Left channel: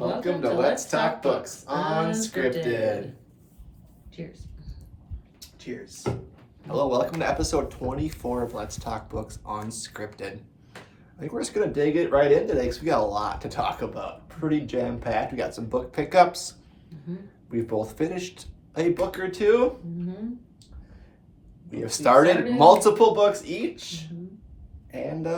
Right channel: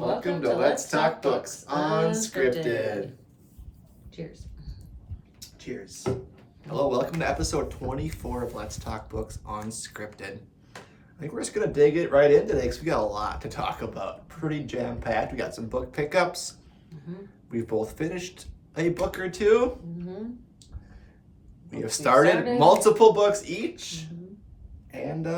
Welcome to Let's Talk Books Unscripted. Cheers. Cheers. Hello, welcome to episode 24 of Let's Talk Books Unscripted. I think we're just going to dig it right in today because we got a lot to talk about. Pretty jam-packed. We got some book pickups. We've both finished a book or two. We have started multiple books each. And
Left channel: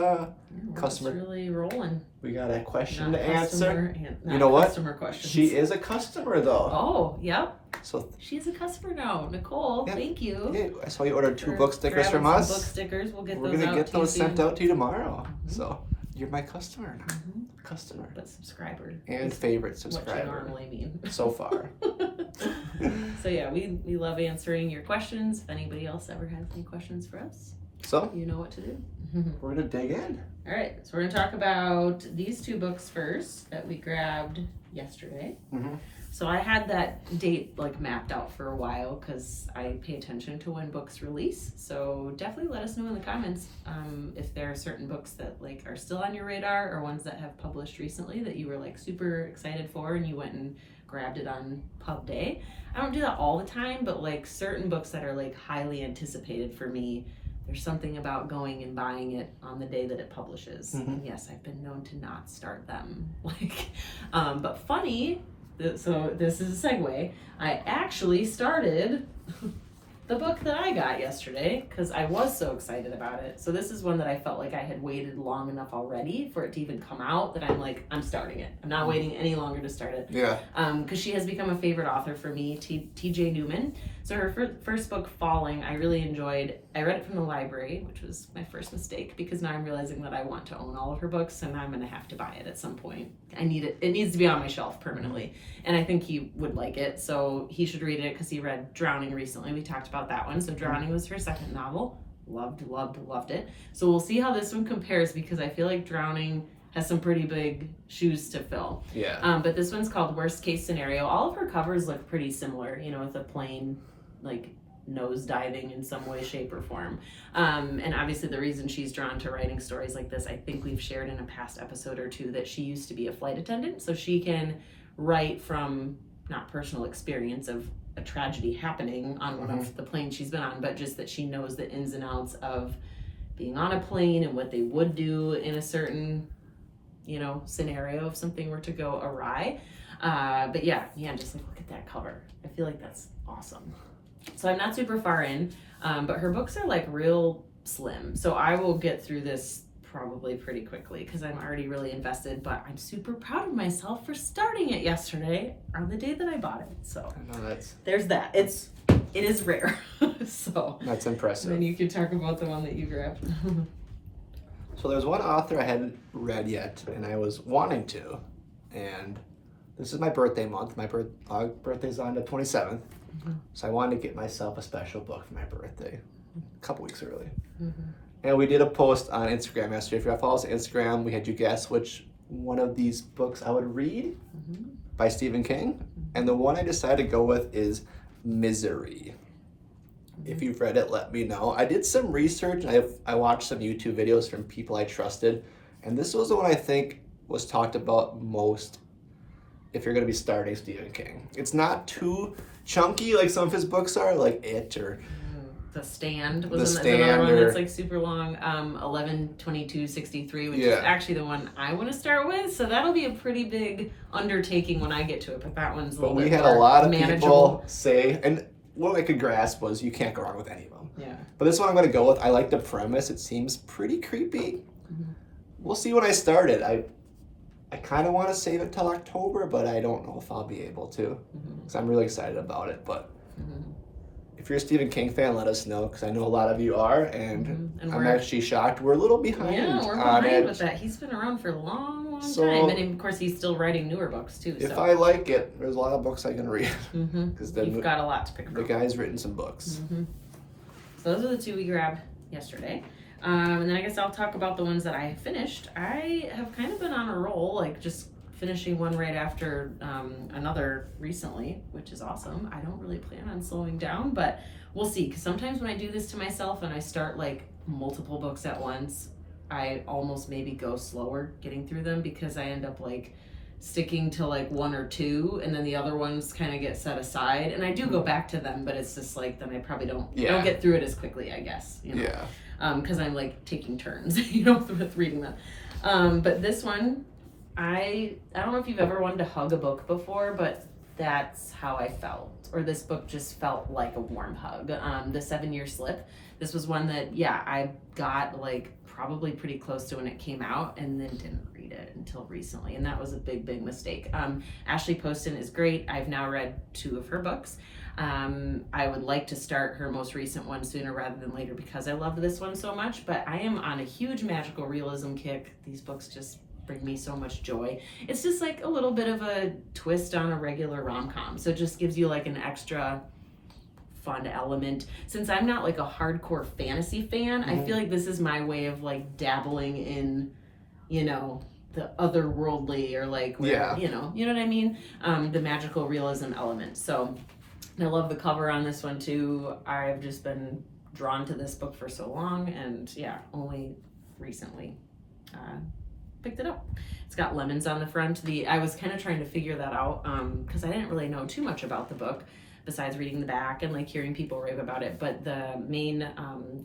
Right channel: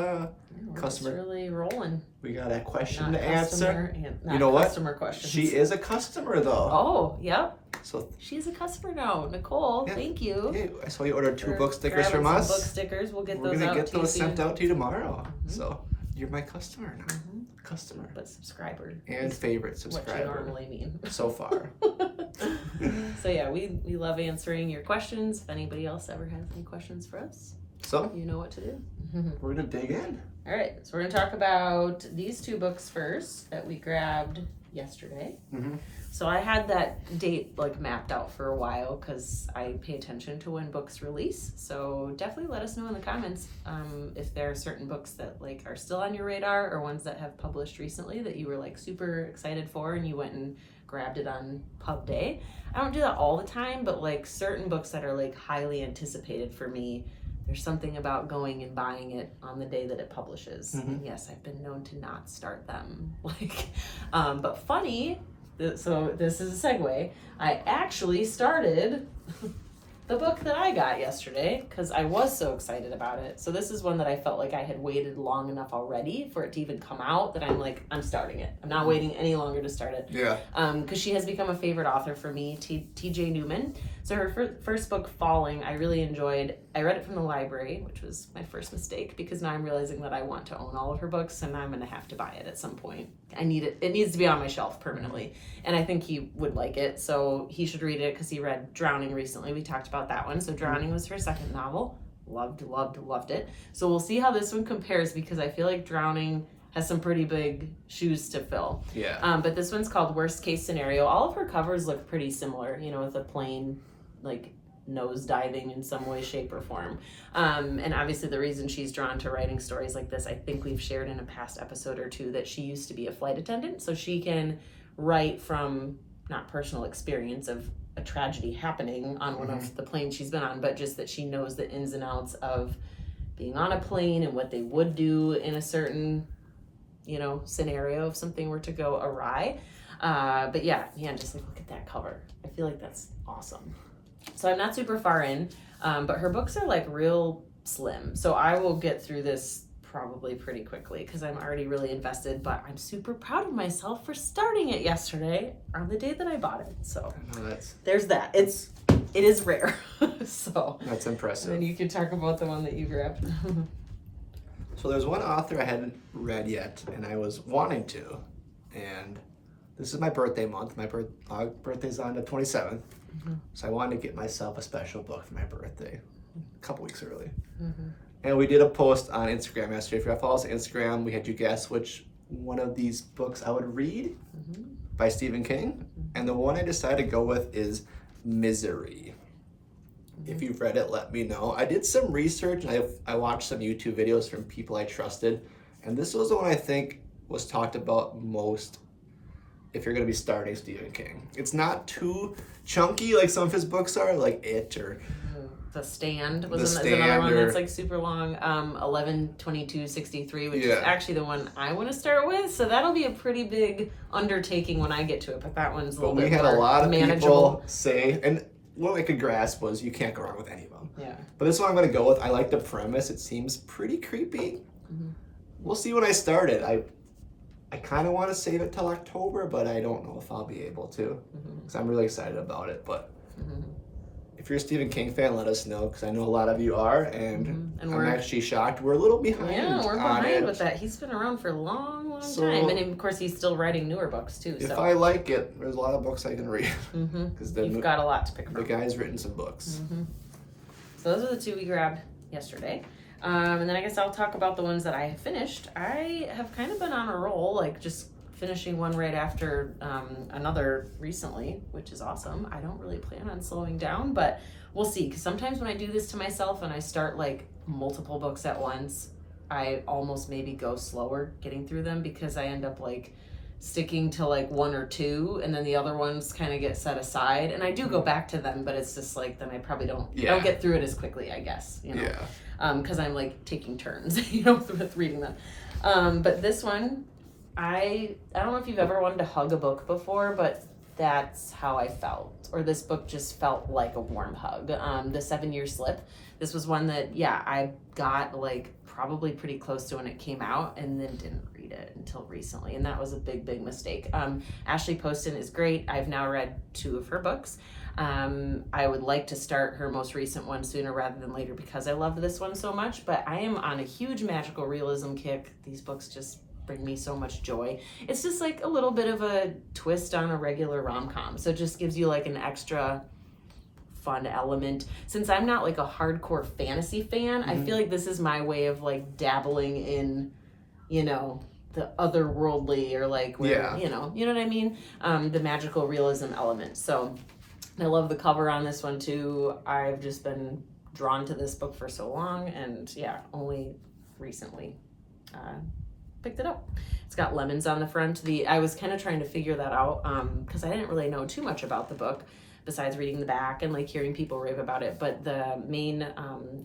customer really rolling. We got a question to answer. You know what? Questions. She is a customer though. Oh, yep. So she's a customer now. Nicole, yeah, thank you. Yeah, I saw you ordered 2 book stickers from us. Book stickers. We're gonna get those sent out to you tomorrow. So you're my customer now. Customer. But subscriber. And favorite subscriber. What you normally mean. So far. So yeah, we love answering your questions. If anybody else ever has any questions for us, so you know what to do. We're gonna dig in. All right, so we're gonna talk about these 2 books first that we grabbed yesterday. So I had that date mapped out for a while because I pay attention to when books release. So definitely let us know in the comments if there are certain books that are still on your radar or ones that have published recently that you were super excited for and you went and grabbed it on pub day. I don't do that all the time, but certain books that are highly anticipated for me, there's something about going and buying it on the day that it publishes. And yes, I've been known to not start them. But funny, so this is a segue. I actually started the book that I got yesterday because I was so excited about it. So this is one that I felt like I had waited long enough already for it to even come out that I'm starting it. I'm not waiting any longer to start it. Yeah. Because she has become a favorite author for me, T.J. Newman. So her first book, Falling, I really enjoyed. I read it from the library, which was my first mistake because now I'm realizing that I want to own all of her books and I'm going to have to buy it at some point. I need it. It needs to be on my shelf permanently. And I think he would like it. So he should read it because he read Drowning recently. We talked about that one. So Drowning was her second novel. Loved it. So we'll see how this one compares because I feel like Drowning has some pretty big shoes to fill. Yeah. But this one's called Worst Case Scenario. All of her covers look pretty similar, with a plain nose diving in some way, shape, or form. And obviously the reason she's drawn to writing stories like this, I think we've shared in a past episode or 2 that she used to be a flight attendant. So she can write from not personal experience of a tragedy happening on one of the planes she's been on, but just that she knows the ins and outs of being on a plane and what they would do in a certain, scenario if something were to go awry. But yeah, just look at that cover. I feel like that's awesome. So I'm not super far in, but her books are real slim. So I will get through this probably pretty quickly because I'm already really invested, but I'm super proud of myself for starting it yesterday on the day that I bought it. So I know there's that. It is rare. So that's impressive. And you can talk about the one that you grabbed. So there's one author I hadn't read yet and I was wanting to, and this is my birthday month. My birthday's on the 27th. So I wanted to get myself a special book for my birthday a couple weeks early. And we did a post on Instagram yesterday. If you follow us on Instagram, we had you guess which one of these books I would read by Stephen King. And the one I decided to go with is Misery. If you've read it, let me know. I did some research and I watched some YouTube videos from people I trusted. And this was the one I think was talked about most if you're going to be starting Stephen King. It's not too chunky like some of his books are, like It or The Stand was another one that's super long. 11/22/63, which is actually the one I want to start with. So that'll be a pretty big undertaking when I get to it. But that one's a little bit more manageable. But we had a lot of people say, and what I could grasp was you can't go wrong with any of them. Yeah. But this one I'm going to go with. I like the premise. It seems pretty creepy. We'll see when I start it. I kind of want to save it till October, but I don't know if I'll be able to because I'm really excited about it. But if you're a Stephen King fan, let us know because I know a lot of you are, and I'm actually shocked. We're a little behind. Yeah, we're behind with that. He's been around for a long time, and of course he's still writing newer books too. If I like it, there's a lot of books I can read because you've got a lot to pick from. The guy's written some books. So those are the 2 we grabbed yesterday. And then I guess I'll talk about the ones that I finished. I have kind of been on a roll, just finishing one right after another recently, which is awesome. I don't really plan on slowing down, but we'll see. Because sometimes when I do this to myself and I start multiple books at once, I almost maybe go slower getting through them because I end up sticking to like one or two, and then the other ones kind of get set aside. And I do go back to them, but it's just like then I probably don't get through it as quickly, I guess. You know? Yeah. Because I'm like taking turns, with reading them. But this one, I don't know if you've ever wanted to hug a book before, but that's how I felt. Or this book just felt like a warm hug. The 7-Year Slip. This was one that, I got like probably pretty close to when it came out and then didn't read it until recently. And that was a big, big mistake. Ashley Poston is great. I've now read 2 of her books. I would like to start her most recent one sooner rather than later because I loved this one so much, but I am on a huge magical realism kick. These books just bring me so much joy. It's just like a little bit of a twist on a regular rom-com. So it just gives you like an extra fun element. Since I'm not like a hardcore fantasy fan, I feel like this is my way of like dabbling in, the otherworldly or like, where, you know what I mean? The magical realism element. So I love the cover on this one too. I've just been drawn to this book for so long and only recently picked it up. It's got lemons on the front. I was kind of trying to figure that out because I didn't really know too much about the book besides reading the back and like hearing people rave about it. But the main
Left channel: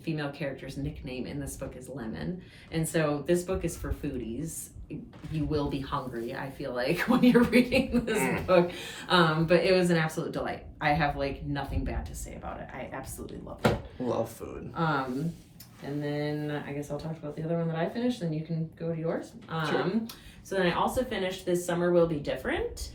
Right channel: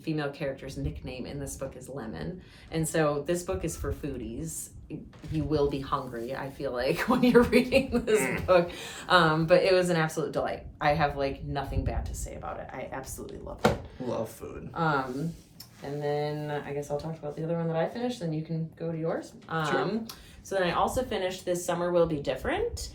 female character's nickname in this book is Lemon. And so this book is for foodies. You will be hungry, I feel like, when you're reading this book. But it was an absolute delight. I have like nothing bad to say about it. I absolutely love it. Love food. And then I guess I'll talk about the other one that I finished, then you can go to yours. Sure. So then I also finished This Summer Will Be Different.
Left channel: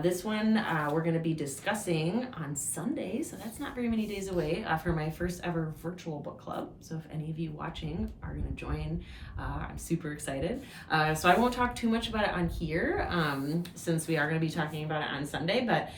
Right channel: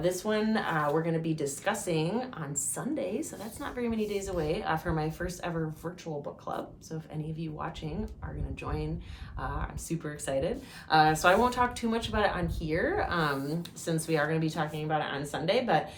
This one we're going to be discussing on Sunday, so that's not very many days away, for my first ever virtual book club. So if any of you watching are going to join, I'm super excited. So I won't talk too much about it on here, since we are going to be talking about it on Sunday, but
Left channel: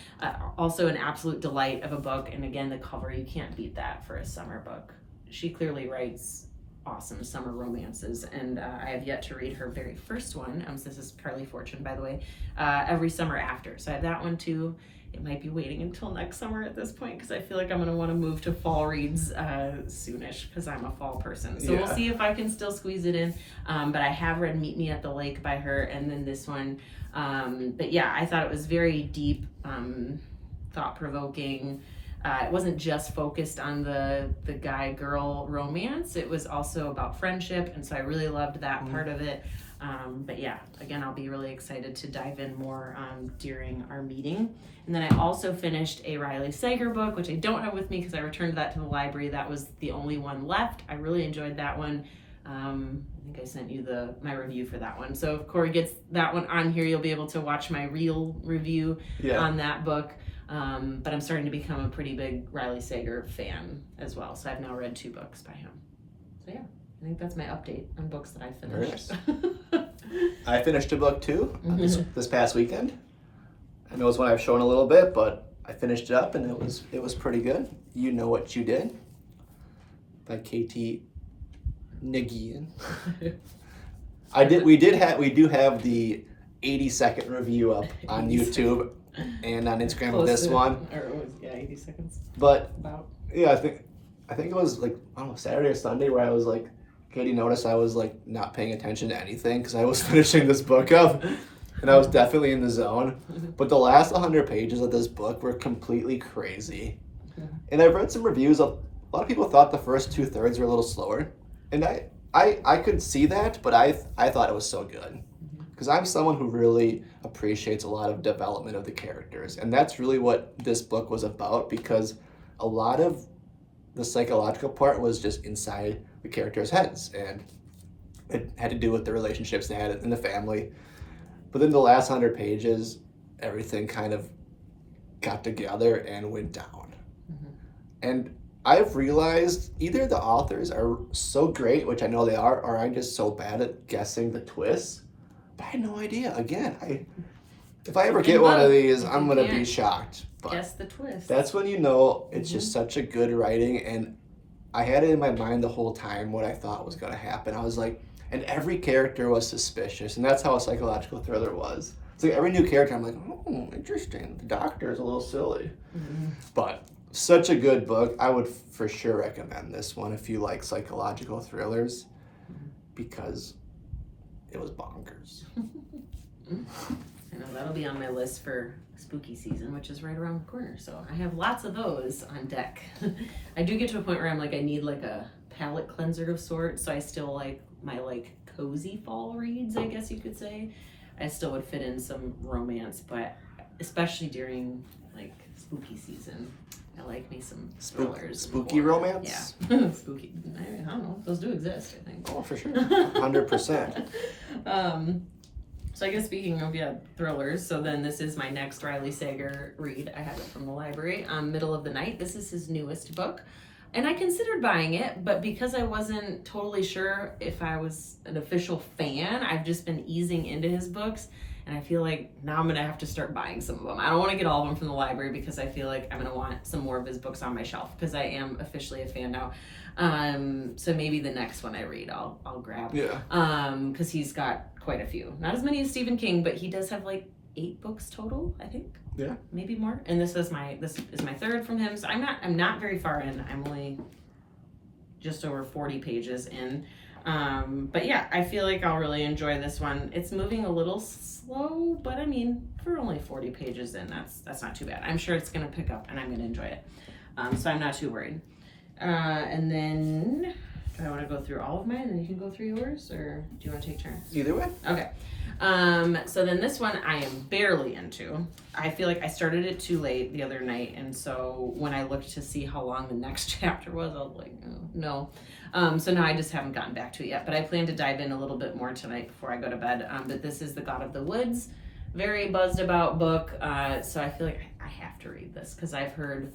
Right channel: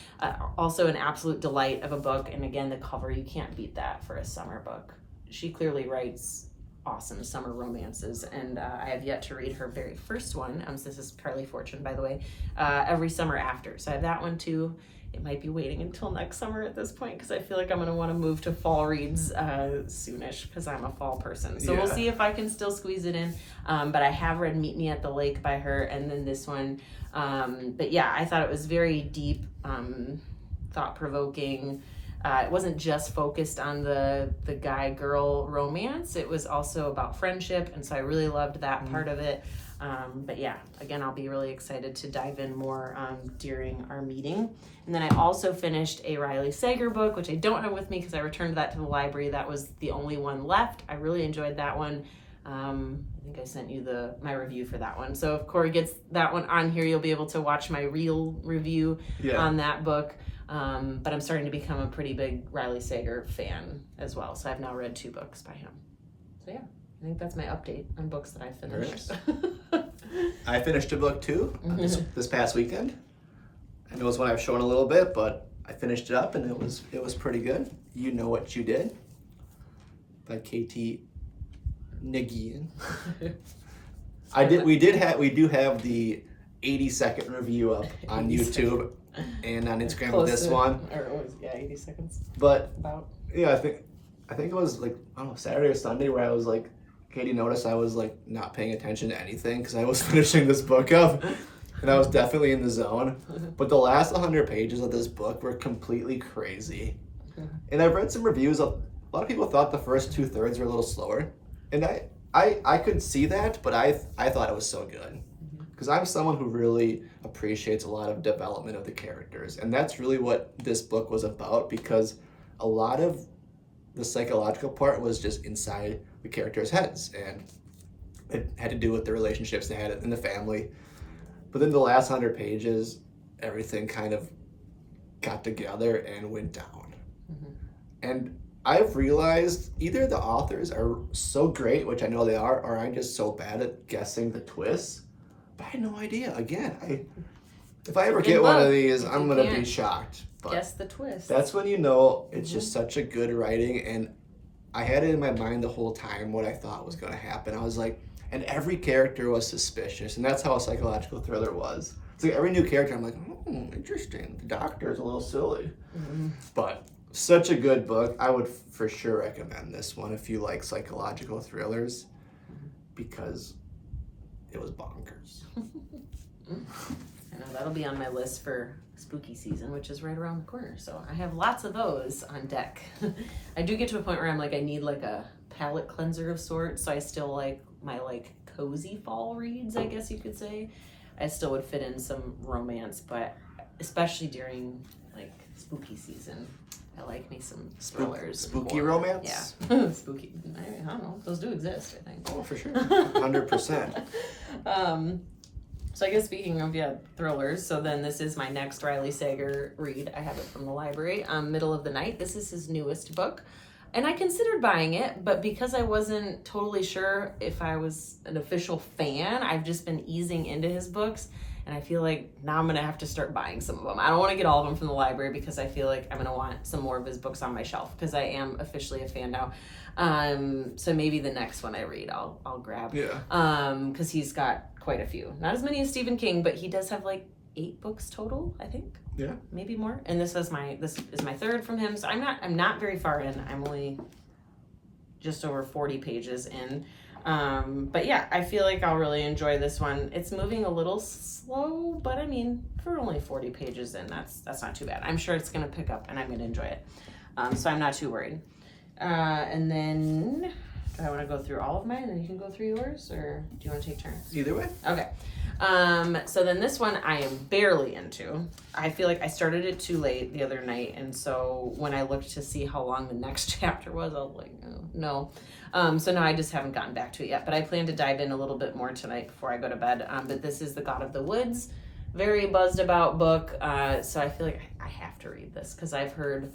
also an absolute delight of a book. And again, the cover, you can't beat that for a summer book. She clearly writes awesome summer romances, and I have yet to read her very first one. So this is Carly Fortune, by the way, Every Summer After. So I have that one too. It might be waiting until next summer at this point because I feel like I'm going to want to move to fall reads soonish because I'm a fall person. So we'll see if I can still squeeze it in. But I have read Meet Me at the Lake by her, and then this one. But I thought it was very deep, thought-provoking. It wasn't just focused on the guy-girl romance. It was also about friendship, and so I really loved that part of it. But again, I'll be really excited to dive in more during our meeting. And then I also finished a Riley Sager book, which I don't have with me because I returned that to the library. That was the only one left. I really enjoyed that one. I think I sent you my review for that one. So if Corey gets that one on here, you'll be able to watch my real review on that book. But I'm starting to become a pretty big Riley Sager fan as well. So I've now read 2 books by him. So I think that's my update on books that I finished. I finished a book too this past weekend. I know it's one I've shown a little bit, but I finished it up and it was pretty good. You Know What You Did by Katie Nagian. We do have the 80-second review up on YouTube and on Instagram with this one. 80 seconds. But about. I think it was like, I don't know, Saturday or Sunday where I was like, Katie noticed I was like not paying attention to anything because I was finishing this book up and I was definitely in the zone. But the last 100 pages of this book were completely crazy. And I've read some reviews of, a lot of people thought the first 2/3 were a little slower. And I could see that, but I thought it was so good. Because I'm someone who really appreciates a lot of development of the characters. And that's really what this book was about, because a lot of the psychological part was just inside the characters' heads. And it had to do with the relationships they had in the family. But then the last 100 pages, everything kind of got together and went down. And I've realized either the authors are so great, which I know they are, or I'm just so bad at guessing the twists. But I had no idea. Again, if I ever get one of these, I'm going to be shocked. But guess the twist. That's when you know it's just such a good writing. And I had it in my mind the whole time what I thought was going to happen. I was like, and every character was suspicious. And that's how a psychological thriller was. It's like every new character, I'm like, oh, interesting. The doctor is a little silly. But such a good book. I would for sure recommend this one if you like psychological thrillers, because it was bonkers. I know that'll be on my list for spooky season, which is right around the corner. So I have lots of those on deck. I do get to a point where I'm like, I need like a palate cleanser of sorts. So I still like my like cozy fall reads, I guess you could say. I still would fit in some romance, but especially during like spooky season, I like me some thrillers. Spooky romance? Yeah. Spooky. I don't know. Those do exist, I think. Oh, for sure. 100%. So I guess speaking of, thrillers, so then this is my next Riley Sager read. I have it from the library. Middle of the Night. This is his newest book. And I considered buying it, but because I wasn't totally sure if I was an official fan, I've just been easing into his books. And I feel like now I'm going to have to start buying some of them. I don't want to get all of them from the library because I feel like I'm going to want some more of his books on my shelf because I am officially a fan now. So maybe the next one I read, I'll grab. Yeah. Because he's got quite a few. Not as many as Stephen King, but he does have like 8 books total, I think. Yeah. Maybe more. And this is my third from him. So I'm not very far in. I'm only just over 40 pages in. But yeah, I feel like I'll really enjoy this one. It's moving a little slow, but I mean, for only 40 pages in, that's not too bad. I'm sure it's going to pick up and I'm going to enjoy it. So I'm not too worried. And then, do I want to go through all of mine and then you can go through yours, or do you want to take turns? Either way. Okay. So then this one I am barely into. I feel like I started it too late the other night, and so when I looked to see how long the next chapter was, I was like, no. So now I just haven't gotten back to it yet, but I plan to dive in a little bit more tonight before I go to bed. But this is The God of the Woods, very buzzed about book. So I feel like I have to read this because I've heard,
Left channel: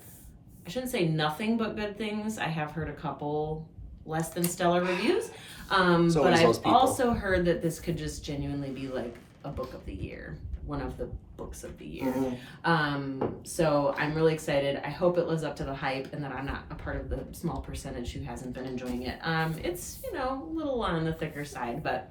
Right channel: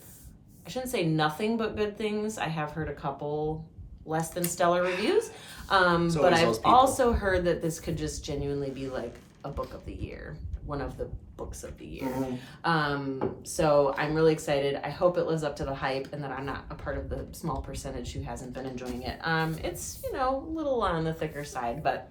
I shouldn't say nothing but good things. I have heard a couple less than stellar reviews. But I've also heard that this could just genuinely be like a book of the year, one of the books of the year. Mm-hmm. So I'm really excited. I hope it lives up to the hype and that I'm not a part of the small percentage who hasn't been enjoying it. It's, a little on the thicker side, but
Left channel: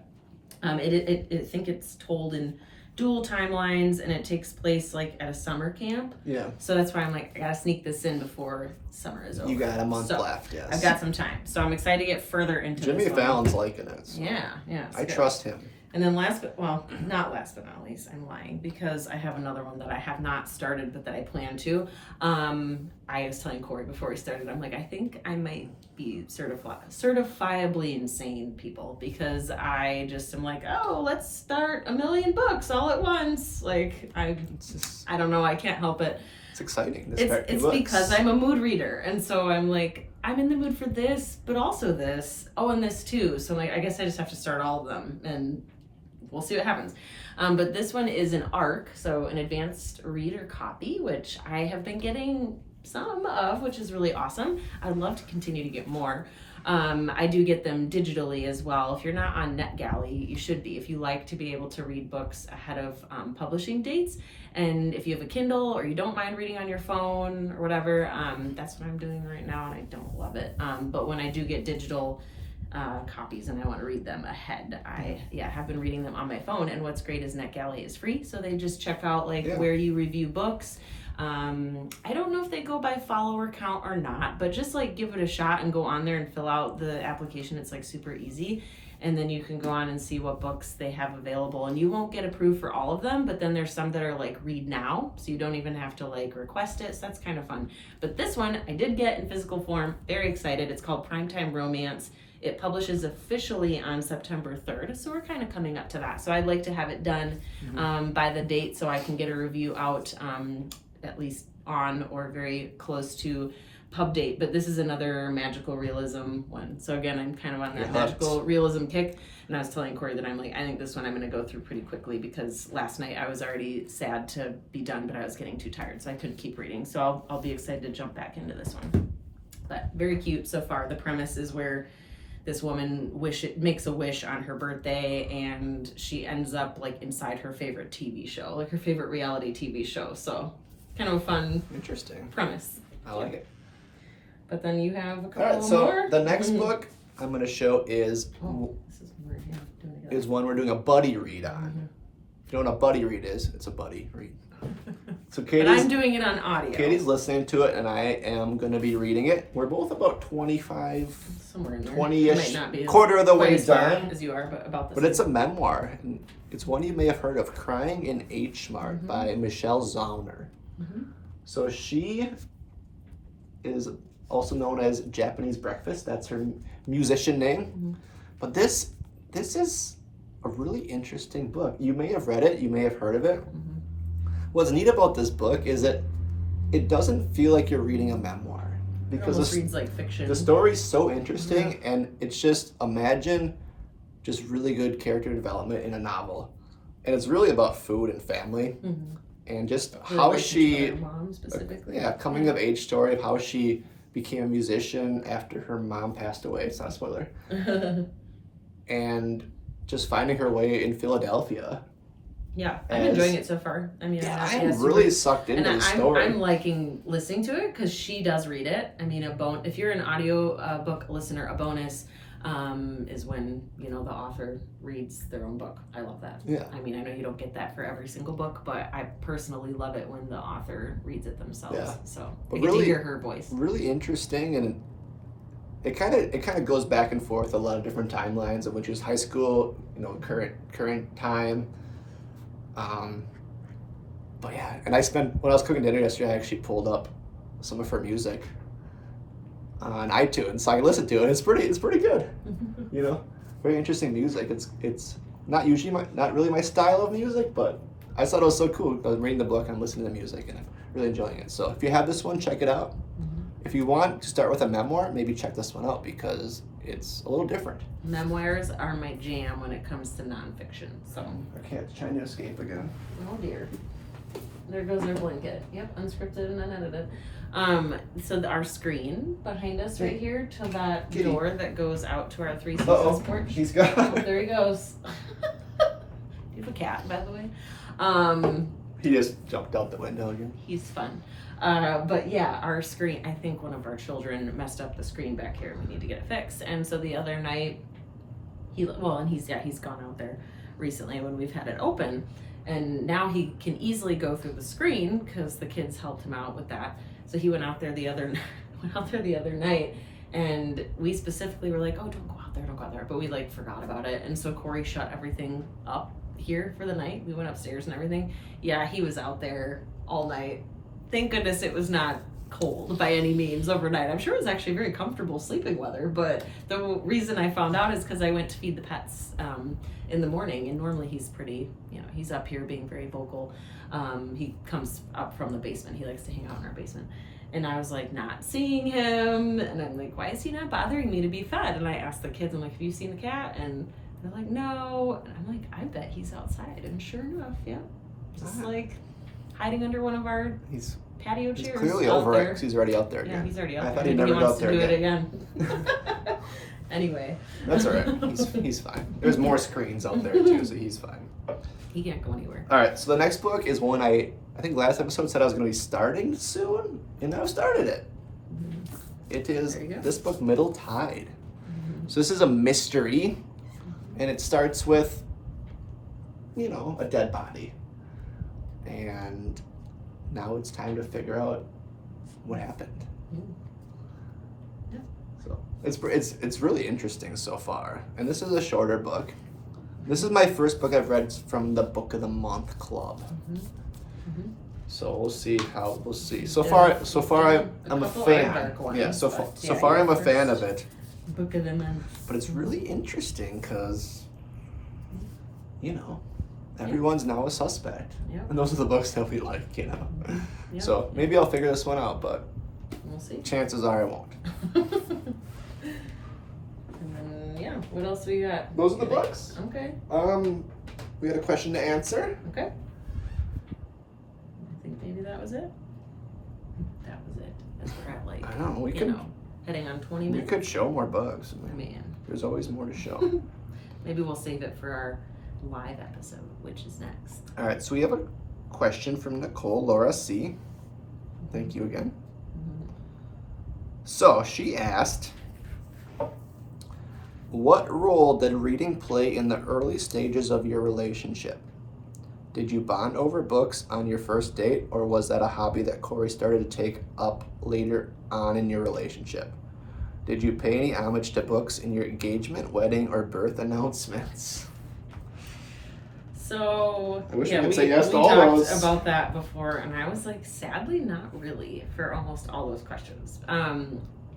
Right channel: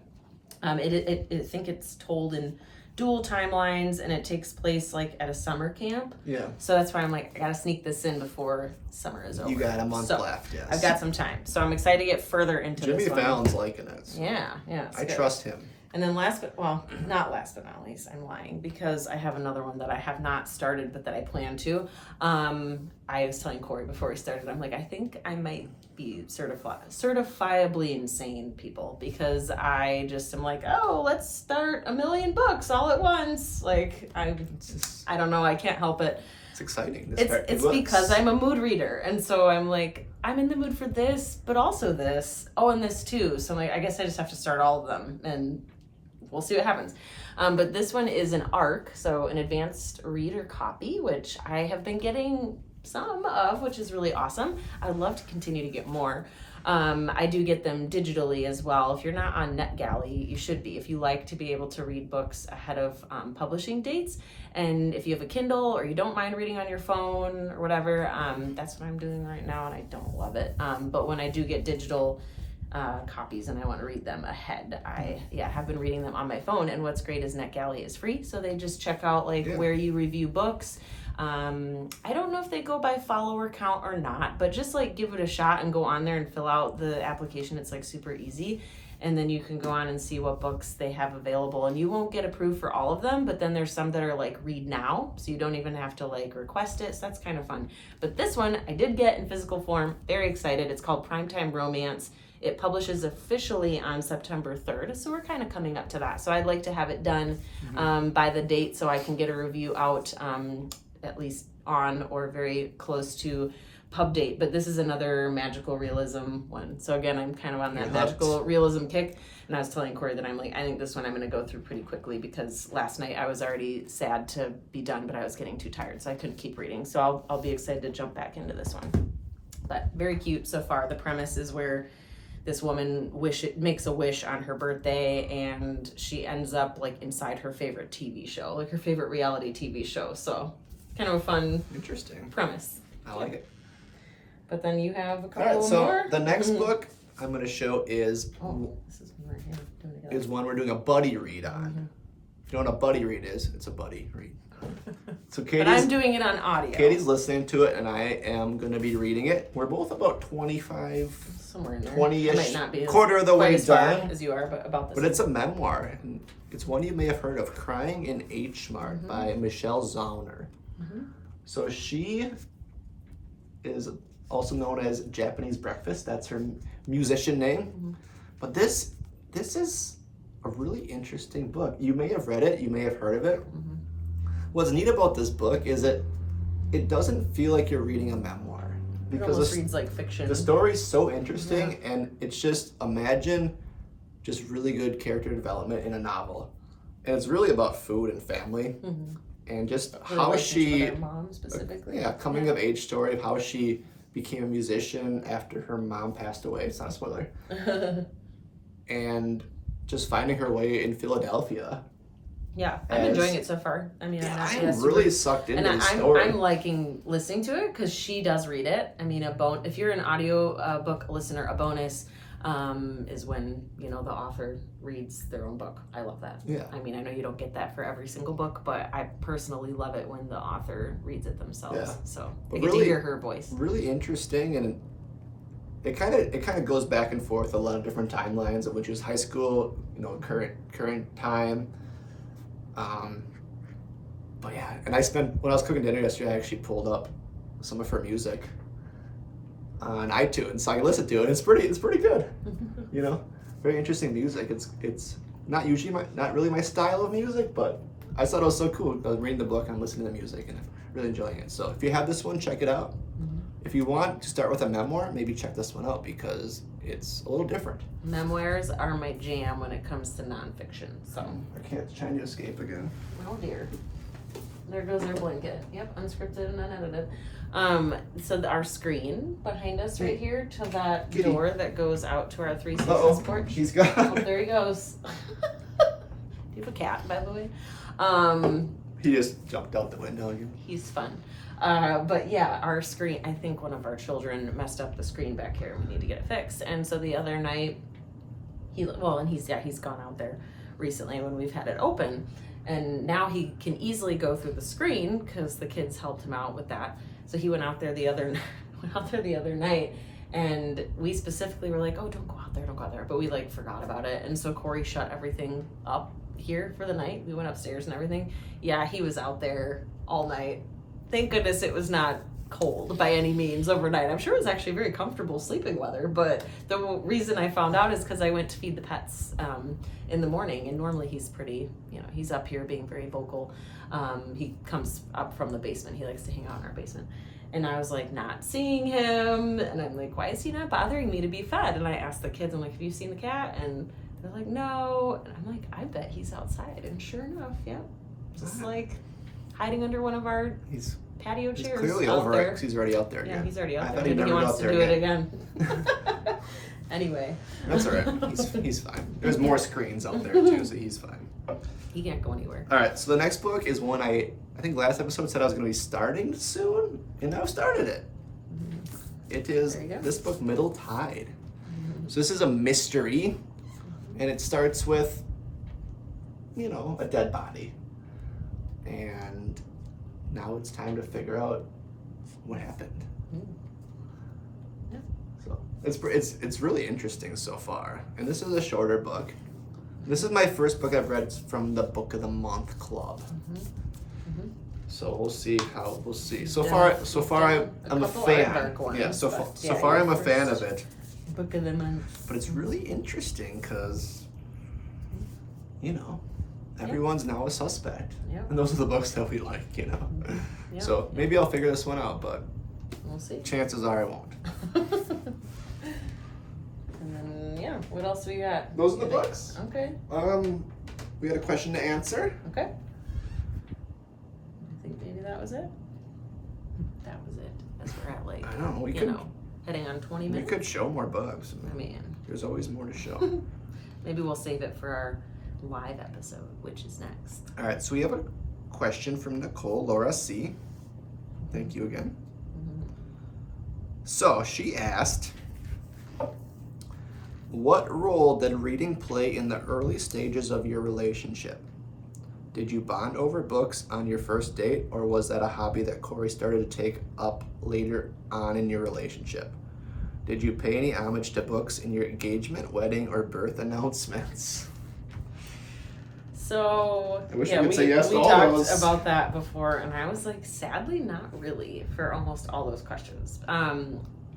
I think it's told in dual timelines and it takes place like at a summer camp. Yeah. So that's why I'm like, I gotta sneak this in before summer is over. You got a month left, yes. I've got some time. So I'm excited to get further into Jimmy this one. Fallon's liking it. So Yeah. I trust him. And then not last but not least, I'm lying because I have another one that I have not started but that I plan to. I was telling Corey before we started, I'm like, I think I might be certifiably insane, people, because I just am like, oh, let's start 1 million books all at once. Like, I don't know, I can't help it. It's exciting. It's because I'm a mood reader, and so I'm like, I'm in the mood for this, but also this. Oh, and this too. So like, I guess I just have to start all of them, and we'll see what happens. But this one is an ARC, so an advanced reader copy, which I have been getting some of, which is really awesome. I'd love to continue to get more. I do get them digitally as well. If you're not on NetGalley, you should be. If you like to be able to read books ahead of publishing dates, and if you have a Kindle or you don't mind reading on your phone or whatever, that's what I'm doing right now, and I don't love it. But when I do get digital copies and I want to read them ahead, I have been reading them on my phone. And what's great is NetGalley is free, so they just check out where you review books. I don't know if they go by follower count or not, but just give it a shot and go on there and fill out the application. It's super easy, and then you can go on and see what books they have available, and you won't get approved for all of them, but then there's some that are read now, so you don't even have to request it, so that's kind of fun. But this one I did get in physical form. Very excited. It's called Primetime Romance. It publishes officially on September 3rd, so we're kind of coming up to that. So I'd like to have it done by the date so I can get a review out at least on or very close to pub date. But this is another magical realism one. So again, I'm kind of on that magical realism kick. And I was telling Corey that I think this one I'm going to go through pretty quickly because last night I was already sad to be done, but I was getting too tired, so I couldn't keep reading. So I'll be excited to jump back into this one. But very cute so far. The premise is where this woman makes a wish on her birthday, and she ends up inside her favorite TV show, her favorite reality TV show. So kind of a fun, interesting premise. I like it. But then you have a couple more. So the next book I'm going to show is this is one we're doing a buddy read on. If you know what a buddy read is, it's a buddy read. So But I'm Katie's doing it on audio. listening to it, and I am going to be reading it. We're both about 25, Somewhere in there. 20-ish, I might not be quarter of the way quite as far done. as you are, but about the But same. it's a memoir, and it's one you may have heard of, Crying in H Mart by Michelle Zauner. So she is also known as Japanese Breakfast. That's her musician name. But this is a really interesting book. You may have read it, you may have heard of it. What's neat about this book is that it doesn't feel like you're reading a memoir, It because almost reads like fiction. the story's so interesting, and it's just, imagine just really good character development in a novel. And it's really about food and family, and just The how relationship she, with her mom specifically. coming of age story of how she became a musician after her mom passed away. It's not a spoiler. And just finding her way in Philadelphia. Yeah, I'm enjoying it so far. I mean, I'm really sucked into the story. I'm liking listening to it because she does read it. I mean, if you're an audio book listener, a bonus is when the author reads their own book. I love that. Yeah. I mean, I know you don't get that for every single book, but I personally love it when the author reads it themselves. Yeah. So But you get really- to hear her voice. Really interesting, and it kind of goes back and forth a lot of different timelines of which is high school, current time. But yeah, and when I was cooking dinner yesterday, I actually pulled up some of her music on iTunes so I can listen to it. It's pretty good. Very interesting music. It's not usually not really my style of music, but I thought it was so cool. I was reading the book and I'm listening to the music, and I'm really enjoying it. So if you have this one, check it out. If you want to start with a memoir, maybe check this one out because it's a little different. Memoirs are my jam when it comes to nonfiction. So. I can't try to escape again. Oh dear. There goes your blanket. Yep, unscripted and unedited. So our screen behind us right here to that Kitty. door that goes out to our Three Uh-oh, Seasons porch. he's gone. Oh, there he goes. Do you have a cat, by the way? He just jumped out the window again. He's fun. But yeah, our screen, I think one of our children messed up the screen back here and we need to get it fixed. And so the other night, he's gone out there recently when we've had it open. And now he can easily go through the screen because the kids helped him out with that. So he went out there the other night, and we specifically were like, oh, don't go out there. But we forgot about it. And so Corey shut everything up here for the night. We went upstairs and everything. Yeah, he was out there all night. Thank goodness it was not cold by any means overnight. I'm sure it was actually very comfortable sleeping weather, but the reason I found out is because I went to feed the pets in the morning, and normally he's pretty, he's up here being very vocal. He comes up from the basement. He likes to hang out in our basement. And I was not seeing him, and I'm like, why is he not bothering me to be fed? And I asked the kids, I'm like, have you seen the cat? And they're like, no. And I'm like, I bet he's outside. And sure enough, yeah, just hiding under one of our patio chairs. He's clearly over it because he's already out there again. Yeah, he's already out I there. thought he'd Maybe never he go wants out to there do again. it again. Anyway. That's all right. He's fine. There's more screens out there too, so he's fine. He can't go anywhere. All right, so the next book is one I think last episode said I was going to be starting soon, and I've started it. It is this book, Middle Tide. So this is a mystery, and it starts with, a dead body. And now it's time to figure out what happened. Yeah. So it's really interesting so far. And this is a shorter book. This is my first book I've read from the Book of the Month Club. So we'll see. So far I'm a fan. Yeah, so far I'm a fan of it. Book of the Month. But it's really interesting because, everyone's now a suspect. Yep. And those are the books that we like, Yep. So maybe I'll figure this one out, but We'll see. chances are I won't. And then, what else we got? Those are the books. Okay. We had a question to answer. Okay. I think maybe that was it. That was it. As we're at I don't know. We could heading on 20 we minutes. could show more bugs. Man. There's always more to show. Maybe we'll save it for our live episode, which is next. All right. So we have a question from Nicole Laura C. Thank you again. So she asked, what role did reading play in the early stages of your relationship? Did you bond over books on your first date, or was that a hobby that Corey started to take up later on in your relationship? Did you pay any homage to books in your engagement, wedding, or birth announcements? So I wish I could say yes to we all talked those. about that before, and I was like, sadly, not really for almost all those questions. I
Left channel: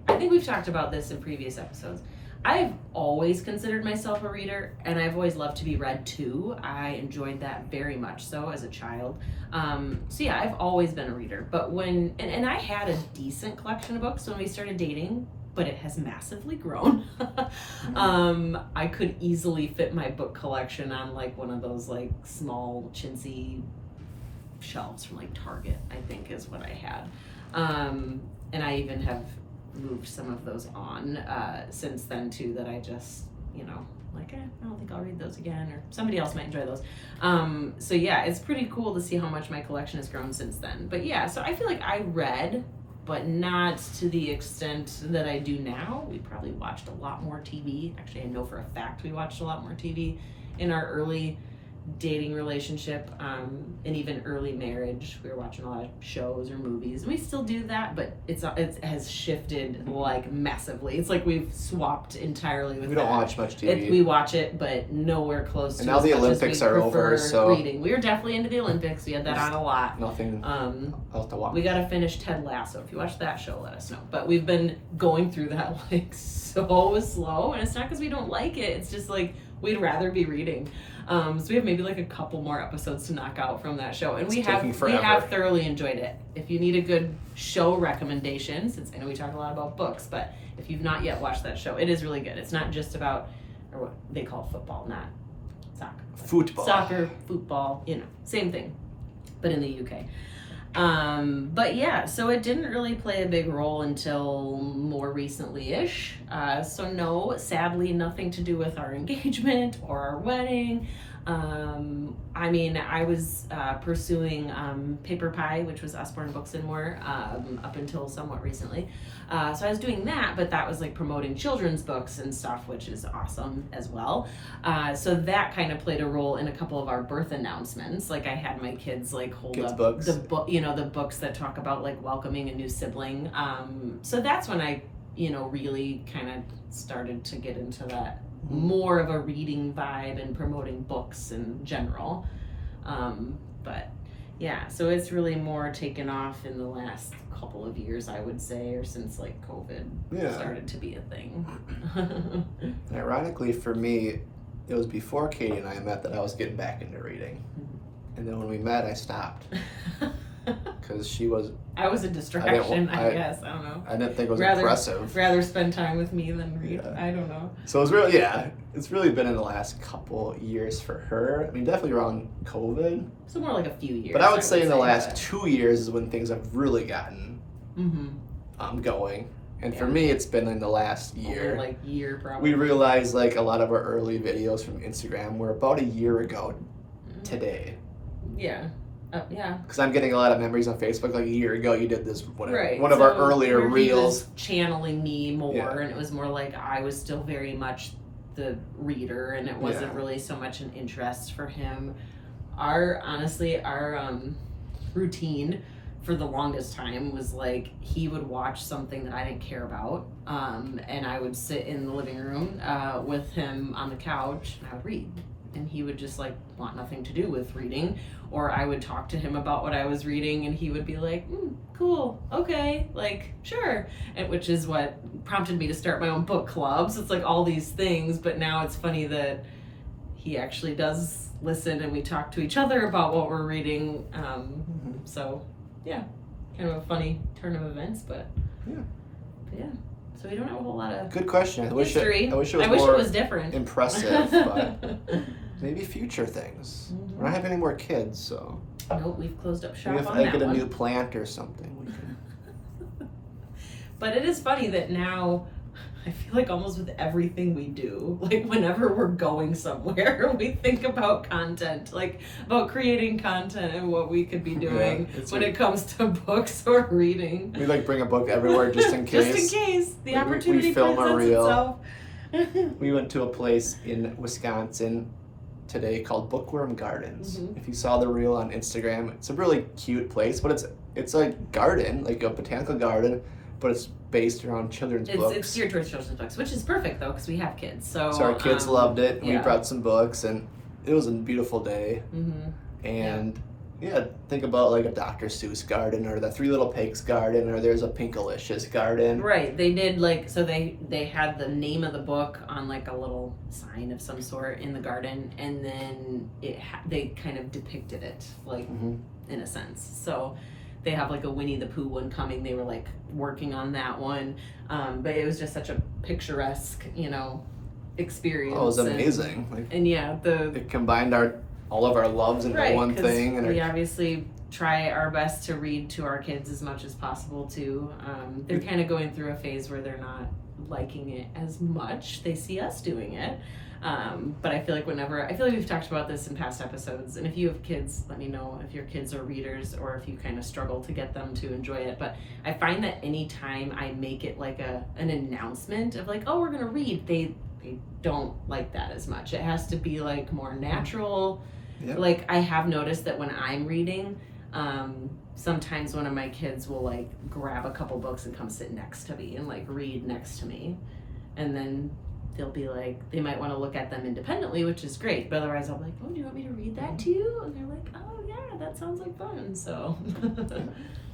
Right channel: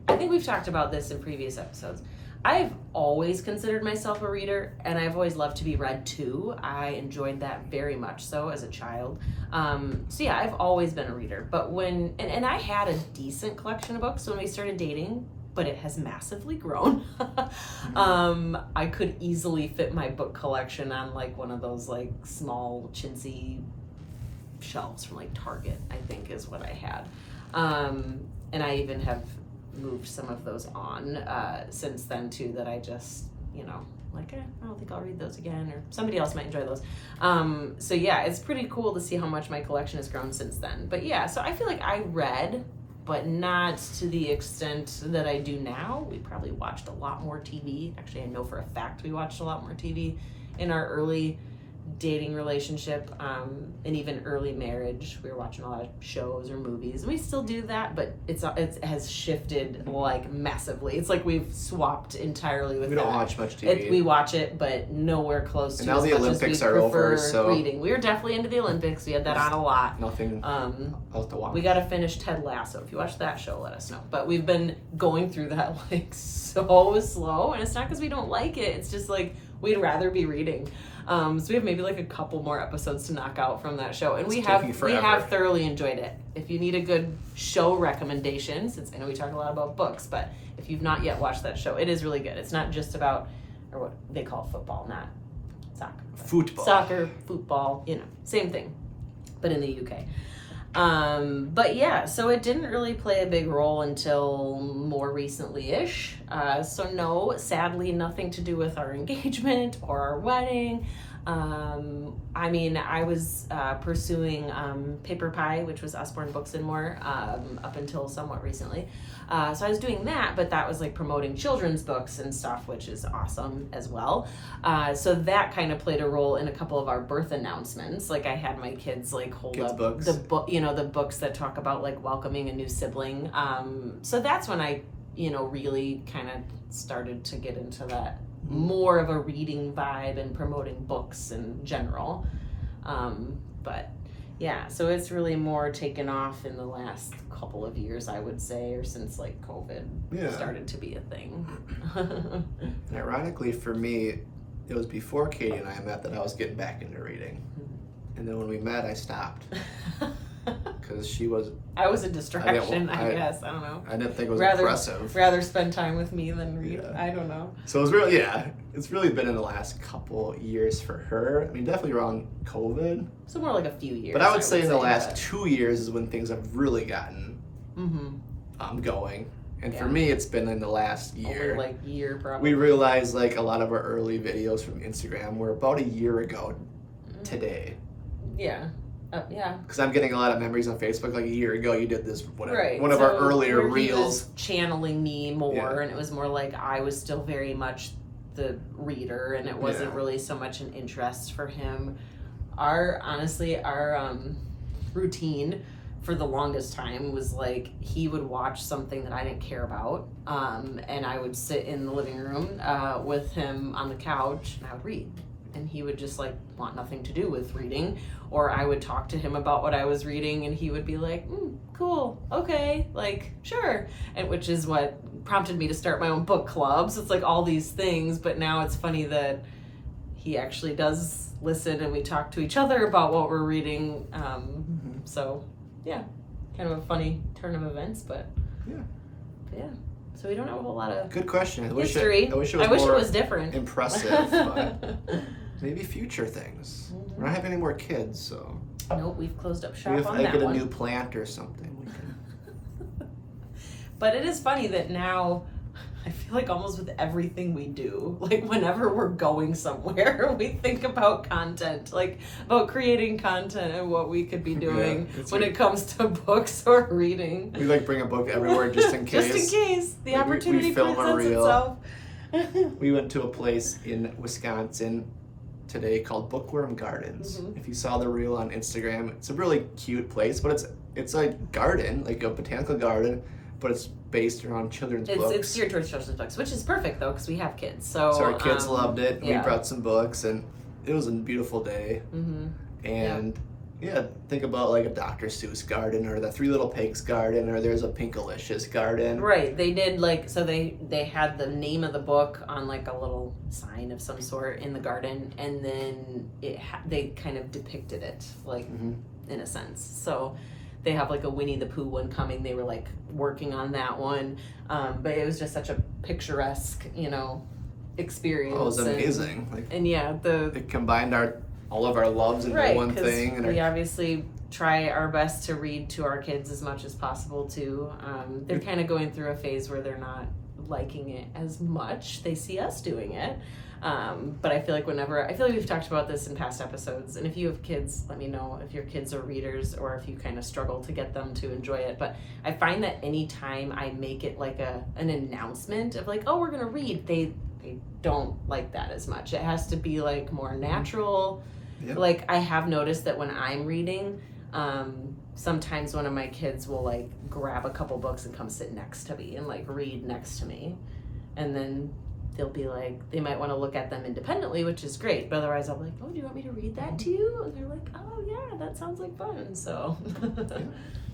think we've talked about this in previous episodes. I've always considered myself a reader, and I've always loved to be read to. I enjoyed that very much so as a child. So yeah, I've always been a reader. But and I had a decent collection of books when we started dating, but it has massively grown. I could easily fit my book collection on like one of those like small chintzy shelves from like Target, I think is what I had. And I even have moved some of those on since then too, that I just, like, I don't think I'll read those again, or somebody else might enjoy those. So yeah, it's pretty cool to see how much my collection has grown since then. But yeah, so I feel like I read, but not to the extent that I do now. We probably watched a lot more TV. Actually, I know for a fact we watched a lot more TV in our early dating relationship, and even early marriage. We were watching a lot of shows or movies, and we still do that, but it has shifted like massively. It's like we've swapped entirely with We don't watch much TV. We watch it, but nowhere close to And now as the much as Olympics we are over, prefer so reading. We were definitely into the Olympics. We had that on a lot. Nothing else to watch. We got to finish Ted Lasso. If you watch that show, let us know. But we've been going through that like so slow, and it's not because we don't like it. It's just like we'd rather be reading. So we have maybe like a couple more episodes to knock out from that show, and we have thoroughly enjoyed it. If you need a good show recommendation, since I know we talk a lot about books, but if you've not yet watched that show, it is really good. It's not just about, or what they call football, not soccer. Football. Soccer, football, same thing, but in the UK. But yeah, so it didn't really play a big role until more recently-ish. So no, sadly, nothing to do with our engagement or our wedding. I mean, I was pursuing Paper Pie, which was Usborne Books and More, up until somewhat recently. So I was doing that, but that was like promoting children's books and stuff, which is awesome as well. So that kind of played a role in a couple of our birth announcements. Like I had my kids like hold up books. the book, the books that talk about like welcoming a new sibling. So that's when I, really kind of started to get into that more of a reading vibe and promoting books in general. But yeah, so it's really more taken off in the last couple of years, I would say, or since like COVID started to be a thing. And ironically for me, it was before Katie and I met that I was getting back into reading. And then when we met, I stopped. Because I was a distraction, I guess. I don't know. I didn't think it was impressive. Rather spend time with me than read. Yeah. I don't know. So it's really been in the last couple years for her. I mean, definitely around COVID. So more like a few years. But I would say in the last 2 years is when things have really gotten going. And for me, it's been in the last year. Over like year, probably. We realized like a lot of our early videos from Instagram were about a year ago today. Yeah. Yeah. Because I'm getting a lot of memories on Facebook. Like a year ago, you did this, whatever. Right. One of our earlier reels. He was channeling me more, and it was more like I was still very much the reader, and it wasn't really so much an interest for him. Our routine for the longest time was like he would watch something that I didn't care about, and I would sit in the living room with him on the couch, and I would read. And he would just like want nothing to do with reading, or I would talk to him about what I was reading, and he would be like, cool, okay, like sure, and which is what prompted me to start my own book club. So it's like all these things, but now it's funny that he actually does listen, and we talk to each other about what we're reading. So yeah, kind of a funny turn of events, but yeah. So we don't have a whole lot of good question. I wish history. I wish it was different, impressive, but maybe future things. We're not having any more kids, so nope, we've closed up shop maybe if on I that get a one. new plant or something, we can. But it is funny that now I feel like almost with everything we do, like whenever we're going somewhere, we think about content, like about creating content and what we could be doing when it comes to books or reading. We like bring a book everywhere just in case. Just in case the opportunity we film presents a reel. itself. We went to a place in Wisconsin today called Bookworm Gardens. Mhm. If you saw the reel on Instagram, it's a really cute place, but it's a garden, like a botanical garden, but it's based around children's books. It's geared towards children's books, which is perfect though, because we have kids. So our kids loved it. And yeah. We brought some books, and it was a beautiful day. Mm-hmm. And yeah, think about like a Dr. Seuss garden, or the Three Little Pigs garden, or there's a Pinkalicious garden. Right. They did like, so they had the name of the book on like a little sign of some sort in the garden, and then they kind of depicted it like in a sense. So they have like a Winnie the Pooh one coming. They were like working on that one, but it was just such a picturesque, experience. Oh, it was amazing. And yeah, it combined all of our loves into one thing. And we obviously try our best to read to our kids as much as possible too. They're kind of going through a phase where they're not liking it as much. They see us doing it. But I feel like we've talked about this in past episodes, and if you have kids, let me know if your kids are readers or if you kind of struggle to get them to enjoy it. But I find that anytime I make it like an announcement of like, oh, we're gonna read, they don't like that as much. It has to be like more natural. Yep. Like I have noticed that when I'm reading, sometimes one of my kids will like grab a couple books and come sit next to me and like read next to me, and then they'll be like, they might want to look at them independently, which is great, but otherwise I'm like, oh, do you want me to read that to you? And they're like, oh yeah, that sounds like fun. So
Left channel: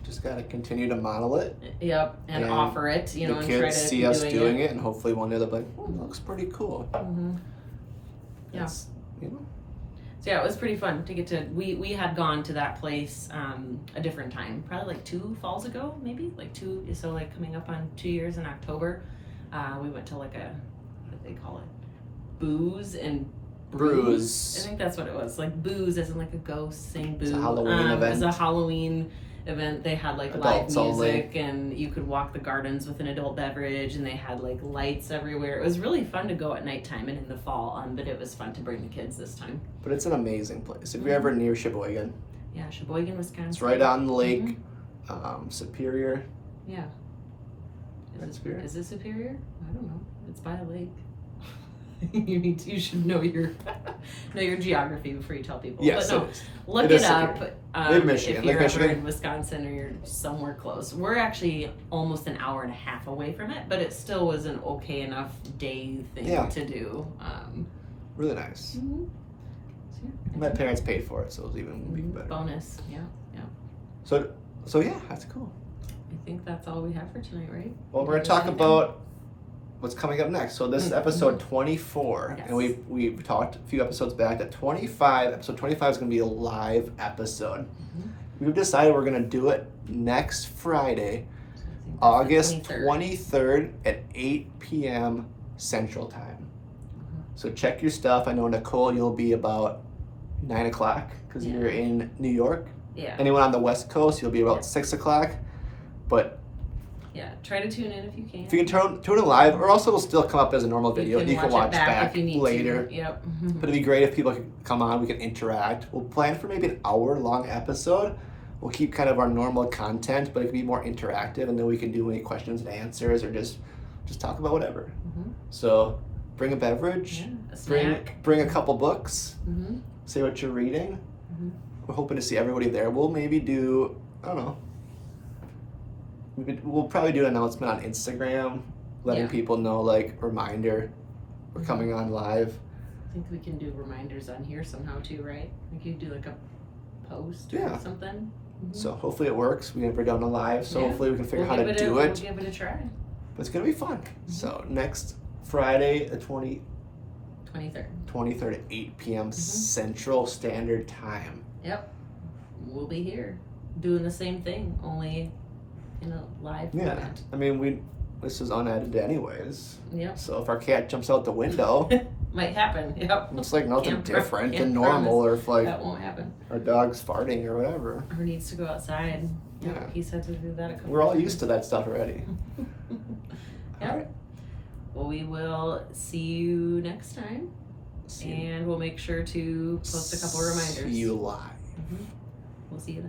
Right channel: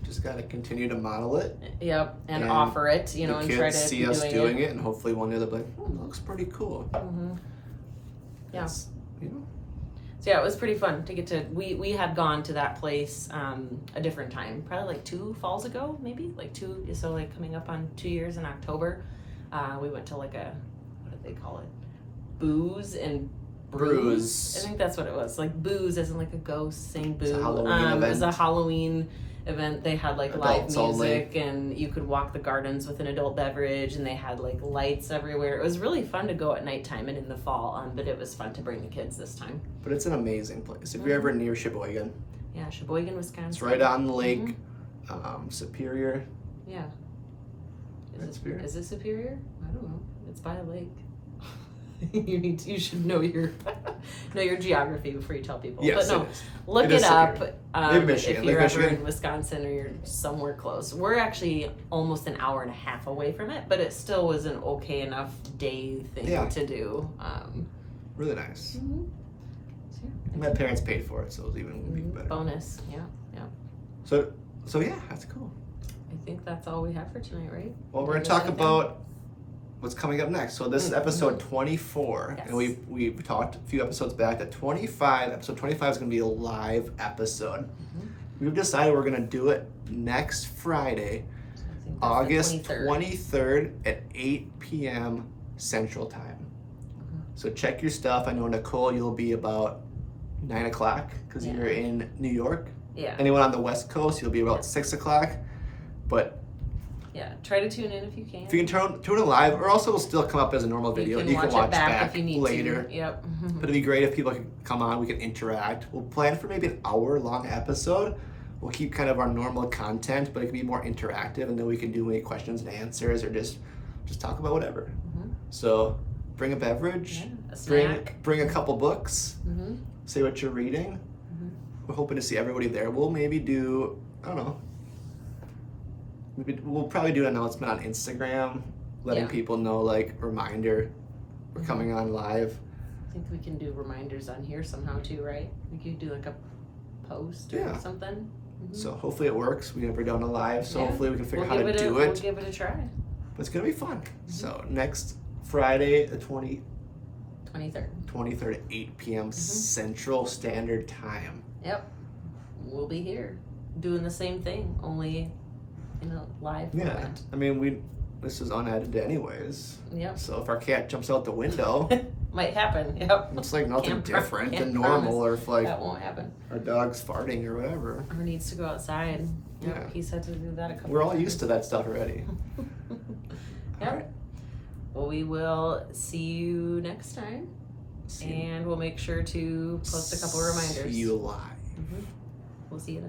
just gotta continue to model it. Yep, and offer it, and kids try to see us doing it, and hopefully one day they'll be like, oh, it looks pretty cool. Yeah. So yeah, it was pretty fun to get to. We had gone to that place a different time, probably like 2 falls ago, maybe like 2. So like coming up on 2 years in October, we went to like what do they call it? Booze and Brews. I think that's what it was. Like booze, as in like a ghost saying boo. It's a Halloween event. It was a Halloween event. They had like Adults live music, only. and you could walk the gardens with an adult beverage, and they had like lights everywhere. It was really fun to go at nighttime and in the fall, but it was fun to bring the kids this time. But it's an amazing place. If you're ever near Sheboygan, yeah, Sheboygan, Wisconsin. it's right on the lake. Superior. Yeah. Superior? Is it Superior? I don't know. It's by a lake. You should know your geography before you tell people. Yes, but no, look it up. Maybe Michigan. If you're Lake ever Michigan. in Wisconsin or you're somewhere close. We're actually almost an hour and a half away from it, but it still was an okay enough day thing to do. Really nice. So, yeah. My parents paid for it, so it was even better. Bonus, yeah. So yeah, that's cool. I think that's all we have for tonight, right? Well, we're gonna talk about what's coming up next. So this is episode 24, Yes. and we talked a few episodes back that episode 25 is gonna be a live episode. We've decided we're gonna do it next Friday, August 23rd at 8 p.m. Central Time. So check your stuff. I know, Nicole, you'll be about 9 o'clock because you're in New York. Yeah. Anyone on the West Coast, you'll be about 6 o'clock. But yeah, try to tune in if you can. if you can tune in live, or also it'll still come up as a normal video. You can watch back if you need later. To. Yep. But it'd be great if people could come on, we can interact. We'll plan for maybe an hour-long episode. We'll keep kind of our normal content, but it can be more interactive, and then we can do any questions and answers, or just talk about whatever. So bring a beverage, a snack. bring a couple books, say what you're reading. We're hoping to see everybody there. We'll maybe do, I don't know, we'll probably do an announcement on Instagram, letting people know, like, reminder, we're coming on live. I think we can do reminders on here somehow too, right? We could do like a post or something. So hopefully it works. We never done a live, so hopefully we can figure out how to do it. We'll give it a try. But it's gonna be fun. So next Friday, the 23rd at 8 p.m. Central Standard Time. Yep. We'll be here doing the same thing, only in a live format. I mean, this is unedited anyways. Yep. So if our cat jumps out the window, might happen. Yep. it's like nothing different can't than normal, promise. or if like that won't happen. our dog's farting or whatever. Or needs to go outside. Yep. He said to do that a couple We're all times. used to that stuff already. Yep. All right. Well, we will see you next time, and we'll make sure to post a couple reminders. See you live. We'll see you then.